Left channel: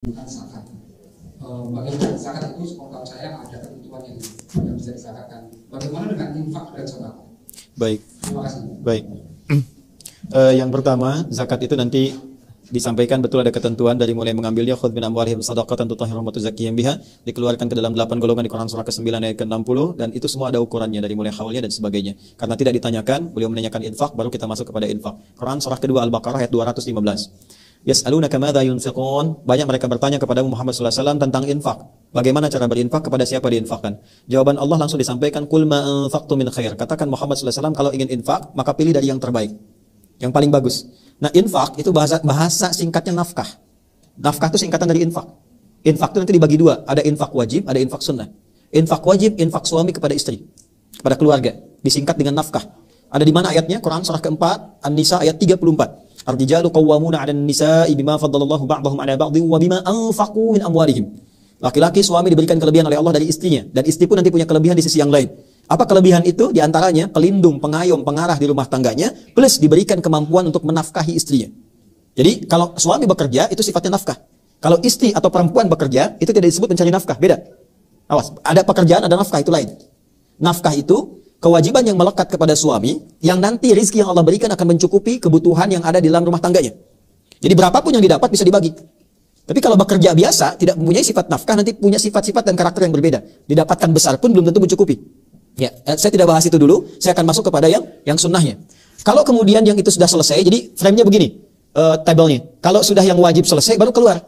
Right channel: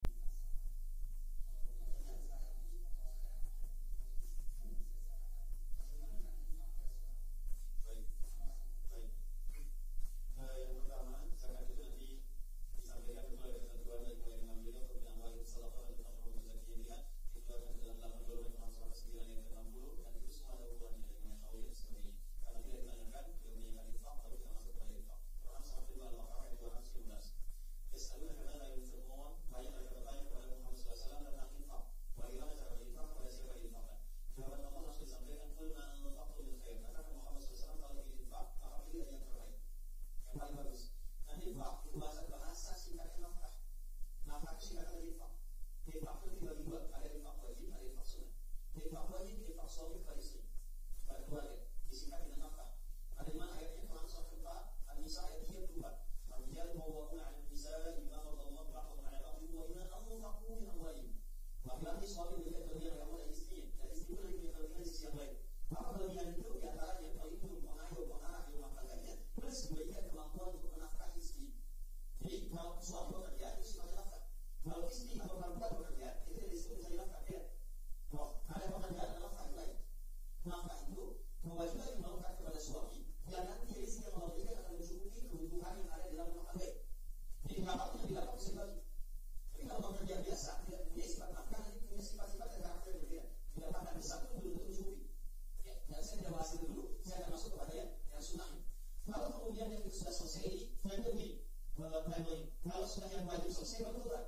bukan zakat. Bagaimana zakat itu sepengetahuan saya ada ketentuan yang bisa disakatkan. Bagaimana dengan infak dan sedekah? Baik. Terima kasih. Baik. Yang pertama, zakat itu nanti disampaikan betul ada ketentuan dari mulai mengambilnya khudz min amwalihim shadaqatan tutahhiruhum wa tuzakkihim biha, dikeluarkan ke dalam 8 golongan di Quran surah ke-9 ayat ke-60, dan itu semua ada ukurannya dari mulai haulnya dan sebagainya. Karena tidak ditanyakan, beliau menanyakan infak, baru kita masuk kepada infak. Quran surah kedua Al-Baqarah ayat 215. Yas'alunaka madza yunfiqun, banyak mereka bertanya kepada Muhammad sallallahu alaihi wasallam tentang infak. Bagaimana cara berinfak, kepada siapa diinfakkan? Jawaban Allah langsung disampaikan, qul ma anfaqtum min khair. Katakan Muhammad sallallahu alaihi wasallam, kalau ingin infak, maka pilih dari yang terbaik, yang paling bagus. Nah, infak itu bahasa singkatnya nafkah. Nafkah itu singkatan dari infak. Infak itu nanti dibagi dua, ada infak wajib, ada infak sunnah. Infak wajib, infak suami kepada istri, kepada keluarga, disingkat dengan nafkah. Ada di mana ayatnya? Quran surah keempat, An-Nisa ayat 34. Ar-rijalu qawwamuna 'alan nisa'i bima faddallallahu ba'dahum 'ala ba'dhin wa bima anfaqu min amwalihim. Laki-laki suami diberikan kelebihan oleh Allah dari istrinya, dan istri pun nanti punya kelebihan di sisi yang lain. Apa kelebihan itu? Di antaranya pelindung, pengayom, pengarah di rumah tangganya, plus diberikan kemampuan untuk menafkahi istrinya. Jadi kalau suami bekerja itu sifatnya nafkah. Kalau istri atau perempuan bekerja itu tidak disebut mencari nafkah, beda. Awas, ada pekerjaan, ada nafkah, itu lain. Nafkah itu kewajiban yang melekat kepada suami, yang nanti rezeki yang Allah berikan akan mencukupi kebutuhan yang ada di dalam rumah tangganya. Jadi berapapun yang didapat bisa dibagi. Tapi kalau bekerja biasa, tidak mempunyai sifat nafkah, nanti punya sifat-sifat dan karakter yang berbeda. Didapatkan besar pun belum tentu mencukupi. Ya, saya tidak bahas itu dulu, saya akan masuk kepada yang sunnahnya. Kalau kemudian yang itu sudah selesai, jadi frame-nya begini, tabelnya. Kalau sudah yang wajib selesai, baru keluar.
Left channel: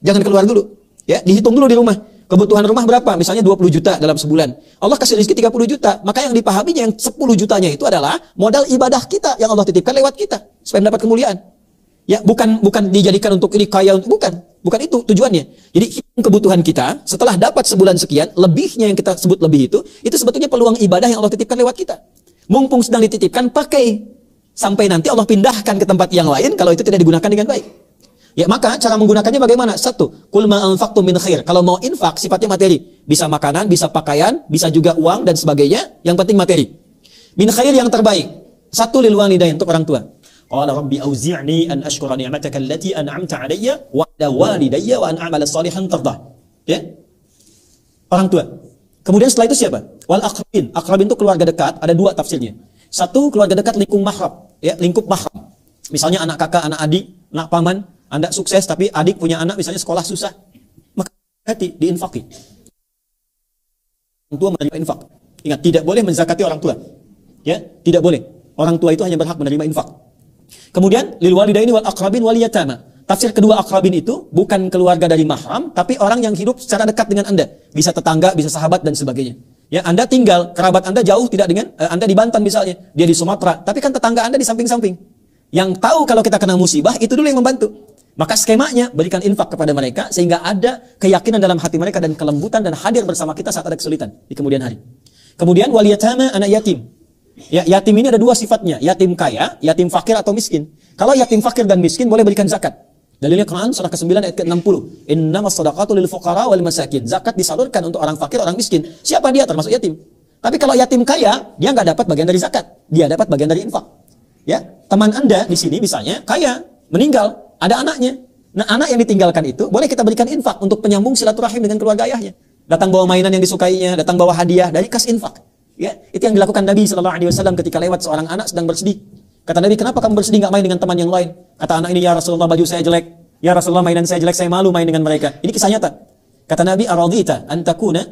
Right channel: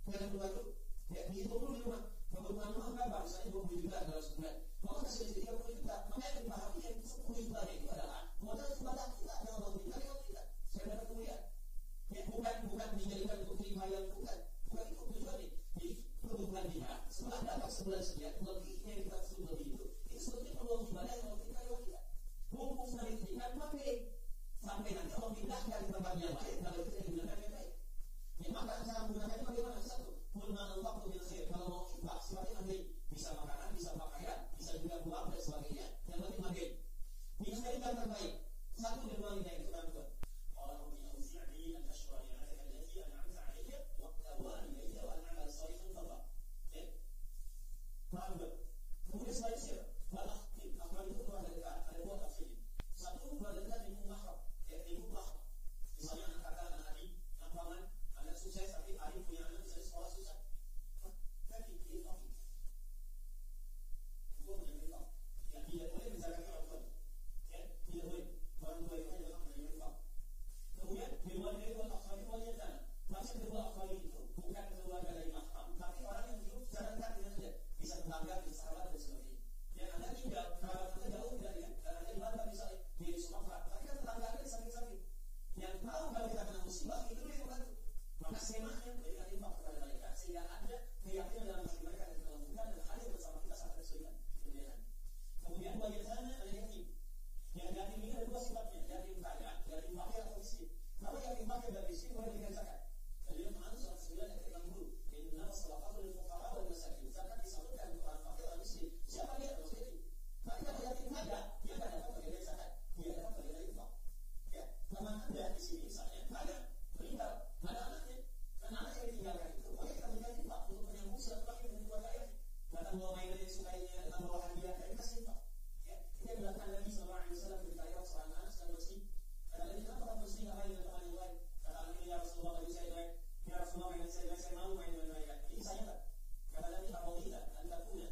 Jangan keluar dulu. Ya, dihitung dulu di rumah. Kebutuhan rumah berapa? Misalnya 20 juta dalam sebulan. Allah kasih rezeki 30 juta. Maka yang dipahaminya yang 10 jutanya itu adalah modal ibadah kita yang Allah titipkan lewat kita supaya mendapat kemuliaan. Ya, bukan dijadikan untuk ini kaya, bukan itu tujuannya. Jadi kebutuhan kita setelah dapat sebulan sekian, lebihnya yang kita sebut lebih itu sebetulnya peluang ibadah yang Allah titipkan lewat kita. Mumpung sedang dititipkan, pakai sampai nanti Allah pindahkan ke tempat yang lain kalau itu tidak digunakan dengan baik. Ya, maka cara menggunakannya bagaimana? Satu, qul ma anfaqtum min khair. Kalau mau infak sifatnya materi, bisa makanan, bisa pakaian, bisa juga uang dan sebagainya, yang penting materi. Min khair yang terbaik. Satu, lil walidain, untuk orang tua. Qala rabbi auzi'ni an ashkura ni'mataka allati an'amta 'alayya wa 'ala walidayya wa an a'mala shalihan tardah. Ya. Orang tua. Kemudian setelah itu siapa? Wal aqrabin. Aqrabin itu keluarga dekat, ada dua tafsirnya. Satu, keluarga dekat lingkup mahram, ya, lingkup mahram. Misalnya anak kakak, anak adik, anak paman. Anda sukses tapi adik punya anak misalnya sekolah susah, maka hati diinfaki. Orang tua menerima infak. Ingat, tidak boleh menzakati orang tua. Ya, tidak boleh. Orang tua itu hanya berhak menerima infak. Kemudian lil walidaini wal aqrabin wal yatama. Tafsir kedua aqrabin itu bukan keluarga dari mahram, tapi orang yang hidup secara dekat dengan Anda. Bisa tetangga, bisa sahabat dan sebagainya. Ya, Anda tinggal, kerabat Anda jauh tidak dengan Anda di Banten misalnya, dia di Sumatera, tapi kan tetangga Anda di samping-samping. Yang tahu kalau kita kena musibah itu dulu yang membantu. Maka skemanya berikan infak kepada mereka sehingga ada keyakinan dalam hati mereka dan kelembutan dan hadir bersama kita saat ada kesulitan di kemudian hari. Kemudian wal yatama, anak yatim. Ya, yatim ini ada dua sifatnya, yatim kaya, yatim fakir atau miskin. Kalau yatim fakir dan miskin boleh berikan zakat. Dalilnya Quran surah ke-9 ayat ke-60. Innamas shadaqatu lil fuqara wal masakin. Zakat disalurkan untuk orang fakir, orang miskin. Siapa dia? Termasuk yatim. Tapi kalau yatim kaya, dia nggak dapat bagian dari zakat. Dia dapat bagian dari infak. Ya, teman Anda di sini misalnya kaya, meninggal, ada anaknya. Nah, anak yang ditinggalkan itu boleh kita berikan infak untuk penyambung silaturahim dengan keluarga ayahnya. Datang bawa mainan yang disukainya, datang bawa hadiah dari kas infak. Ya, itu yang dilakukan Nabi sallallahu alaihi wasallam ketika lewat seorang anak sedang bersedih. Kata Nabi, "Kenapa kamu bersedih, enggak main dengan teman yang lain?" Kata anak ini, "Ya Rasulullah, baju saya jelek. Ya Rasulullah, mainan saya jelek, saya malu main dengan mereka." Ini kisah nyata. Kata Nabi, "Aradita an akuna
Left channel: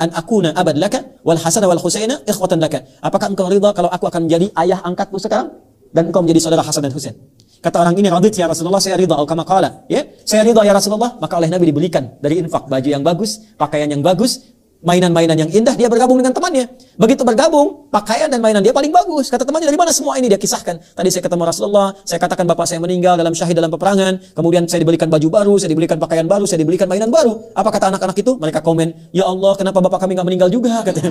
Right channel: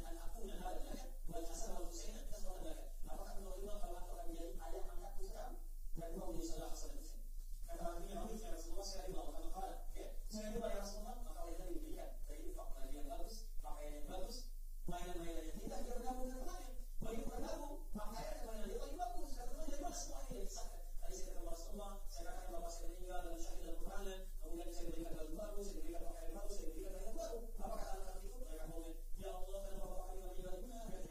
abad laka wal Hasan wal Husaina ikhwatan laka." Apakah engkau ridha kalau aku akan menjadi ayah angkatmu sekarang dan engkau menjadi saudara Hasan dan Husain? Kata orang ini, "Radit ya Rasulullah, saya ridha." Kama qala, ya, saya ridha ya Rasulullah. Maka oleh Nabi dibelikan dari infak baju yang bagus, pakaian yang bagus, mainan-mainan yang indah. Dia bergabung dengan temannya. Begitu bergabung, pakaian dan mainan dia paling bagus. Kata temannya, "Dari mana semua ini?" Dia kisahkan. "Tadi saya ketemu Rasulullah, saya katakan bapak saya meninggal dalam syahid dalam peperangan. Kemudian saya dibelikan baju baru, saya dibelikan pakaian baru, saya dibelikan mainan baru." Apa kata anak-anak itu? Mereka komen, "Ya Allah, kenapa bapak kami nggak meninggal juga?" Katanya.